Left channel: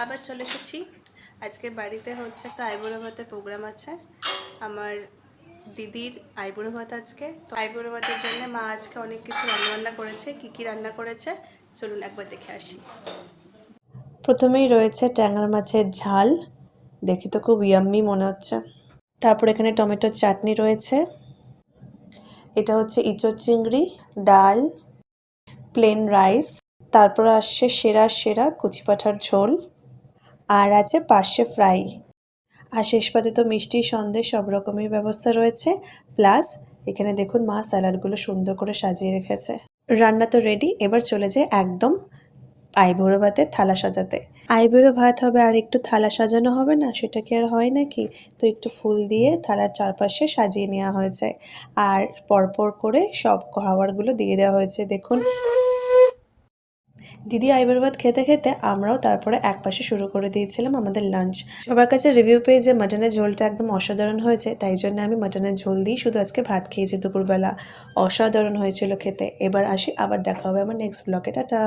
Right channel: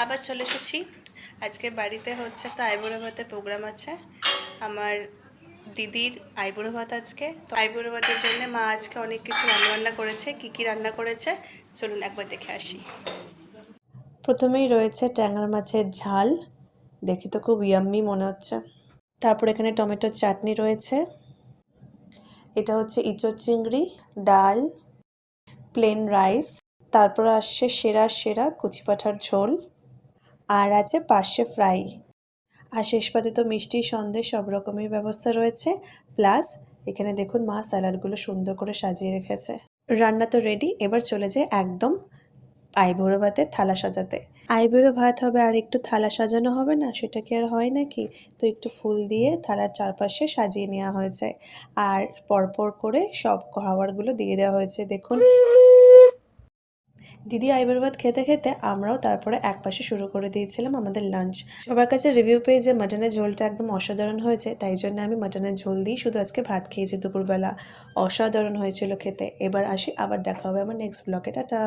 আবার চলে এসেছি। আজকে বাড়িতে হচ্ছে একটা আইবুড়ো ভাতের প্রোগ্রাম আছে। আমার দিদির আইবুড়ো ভাত আজকে। তো আইবুড়ো ভাতের জন্য মা আজকে অনেক কিছু রান্নাবান্না করেছে। কি কি রান্না করেছে চলুন একবার দেখে আসি। প্রথমেই রয়েছে ট্যাংরা মাছের ঝাল, দেখি তো খুব ইয়াম্মি মনে হচ্ছে। তারপর এখানে টমেটোর চাটনি রয়েছে। এটা হচ্ছে ইঁচড় চিংড়ি, ডাল, প্লেন রাইস। তারপর আসছে সেরা সেরা কচি পাঁঠার ঝোল, আর আছে পার্শে ফ্রাই। আর শেষ পাতে তো মিষ্টি সন্দেশ সব রকমের ব্যবস্থা রয়েছে। প্লাস এখানে দেখুন মা স্যালাডগুলো সুন্দর করে সাজিয়ে রেখেছে। রান্না তো রেডি, এবার চলে যায় একদম আইবুড়ো ভাতের থালা সাজাতে। আইবুড়ো ভাত হবে আর একটু থালা সাজানো হবে না, সেটা কি আর হয় নাকি? তো একটু ফুল দিয়ে থালার চারপাশে সাজিয়ে নেওয়া হয়েছে, আর পরপর করে সব খাবারগুলো দিয়ে দেওয়া হয়েছে। দেখুন দিদি আইবুড়ো ভাত খেতে খেতে আমরাও তারপরে একপাশে শুরু করে দিয়েছিলাম আমাদের লাঞ্চ। সবার কাছে রিভিউ পেয়ে যে মাটনের ঝোলটা একদম অসাধারণ হয়েছে, তাই জন্য আমি মাটনের ঝোল দিয়েই শুধু আজকে ভাত খেয়েছি দুপুরবেলা। অসাধারণ হয়েছিল খেতে। এবার আসি, আবার দেখা হবে আমার নেক্সট ব্লগে। টাটা।